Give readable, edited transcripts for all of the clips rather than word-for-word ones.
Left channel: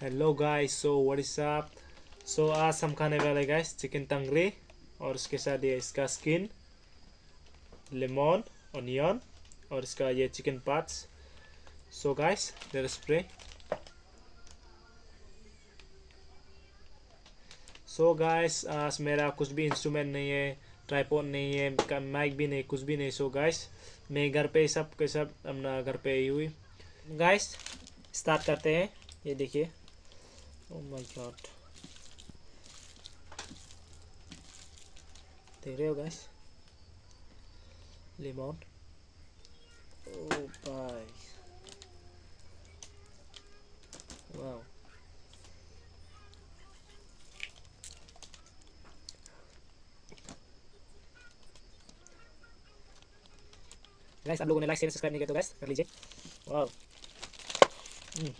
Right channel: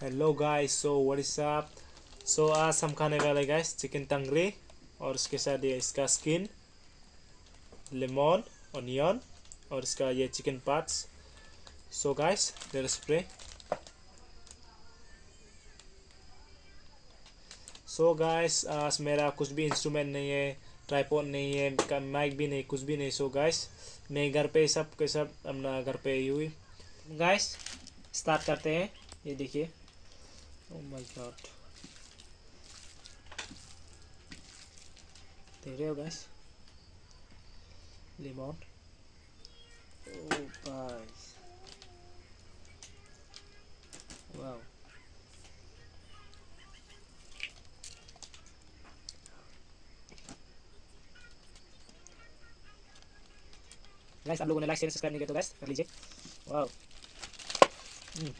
Hello guys, so what is up. So आज हम खाने वाले गाइस चिकन तंगरी, और उसके साथ ये इसका स्किन, लेमन, ऑनियन, और इसका ये chicken parts. So guys let us pray. So guys आज मेरा कुछ भी इंस्ट्रूमेंट नहीं है, ट्राइपॉड नहीं है, माइक भी नहीं, कुछ भी नहीं। सो गाइस मैं घर पे सब के सब अपना घर पे ही हुई। गाइस स्टार्ट करते हैं। ये देखिए, ओह माय गॉड, देख रहे हो गाइस, लेमन, ओह भाई, वाह। गाइस आप लोगों ने लाइक शेयर सब्सक्राइब नहीं किया तो गाइस कर लीजिए। वाह। हम्म,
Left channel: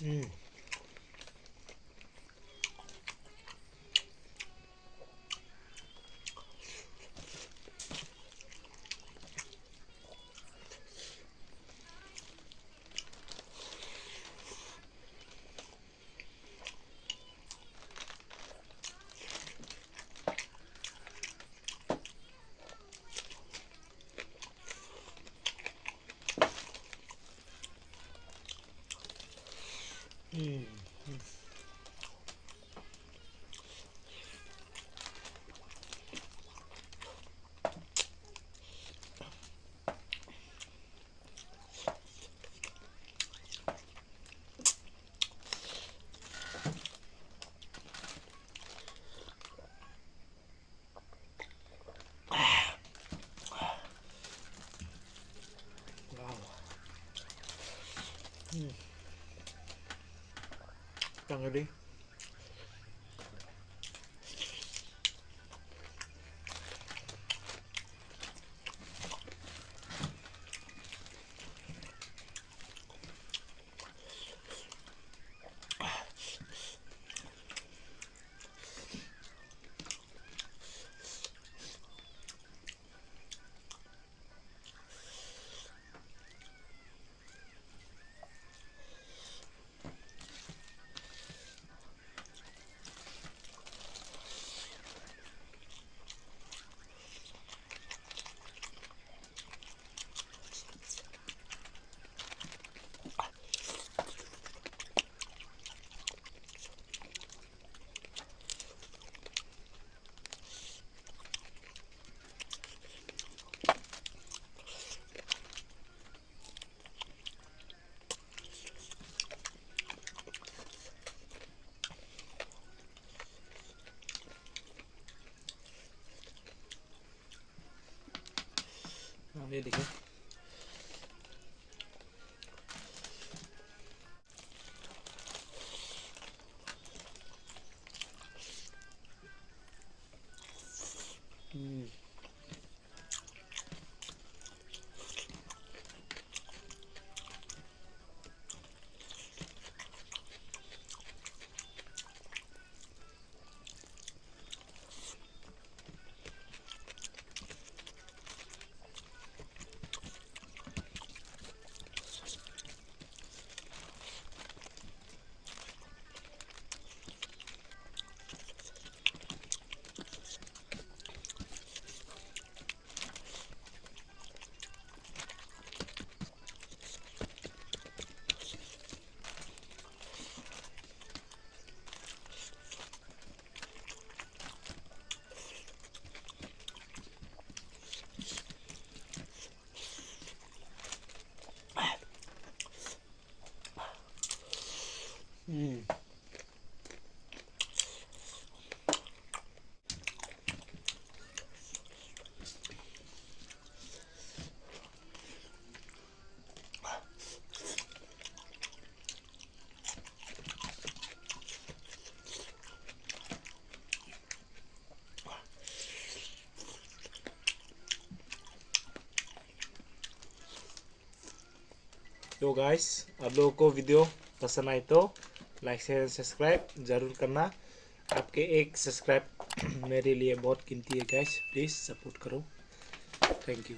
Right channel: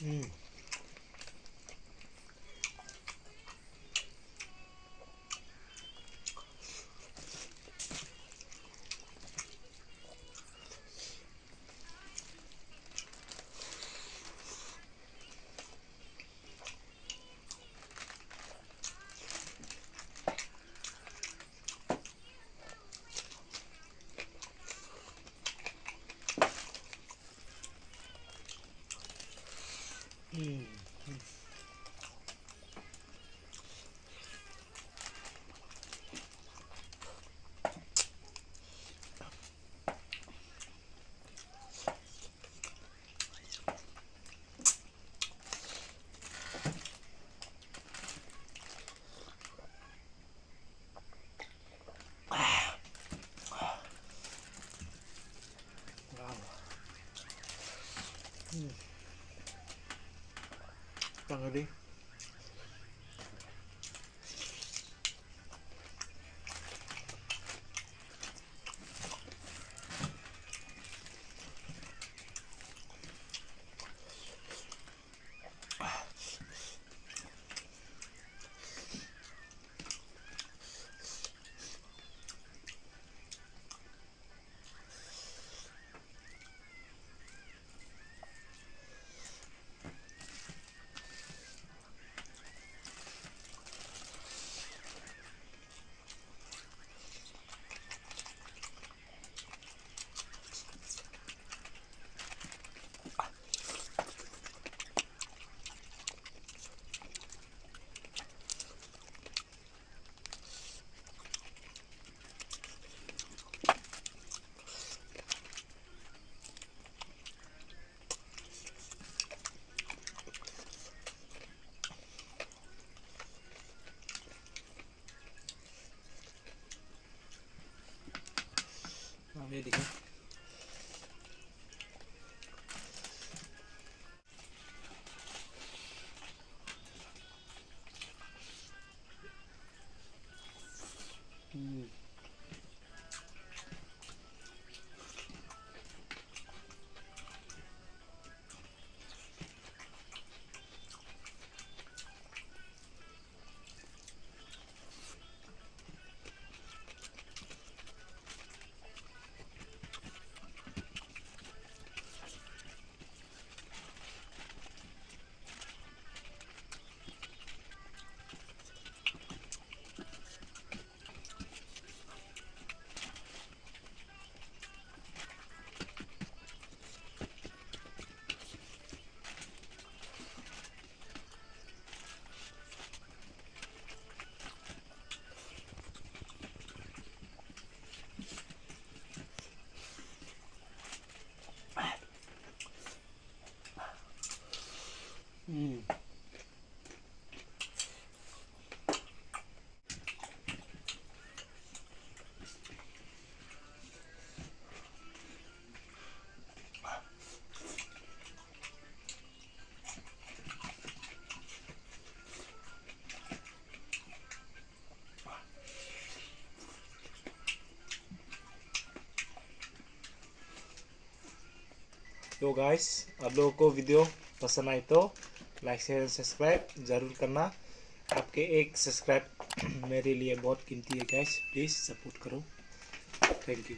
हम्म, हम्म, हम्म, वाह, हम्म, तंगड़ी। हाँ ये देखिए। हम्म, तो गाइस आप लोगों को वीडियो पसंद आए तो लाइक शेयर सब्सक्राइब ज़रूर करना। आपके एक सब्सक्राइब मेरे लिए बहुत कीमती है गाइस, प्लीज़ सपोर्ट करो। Thank you.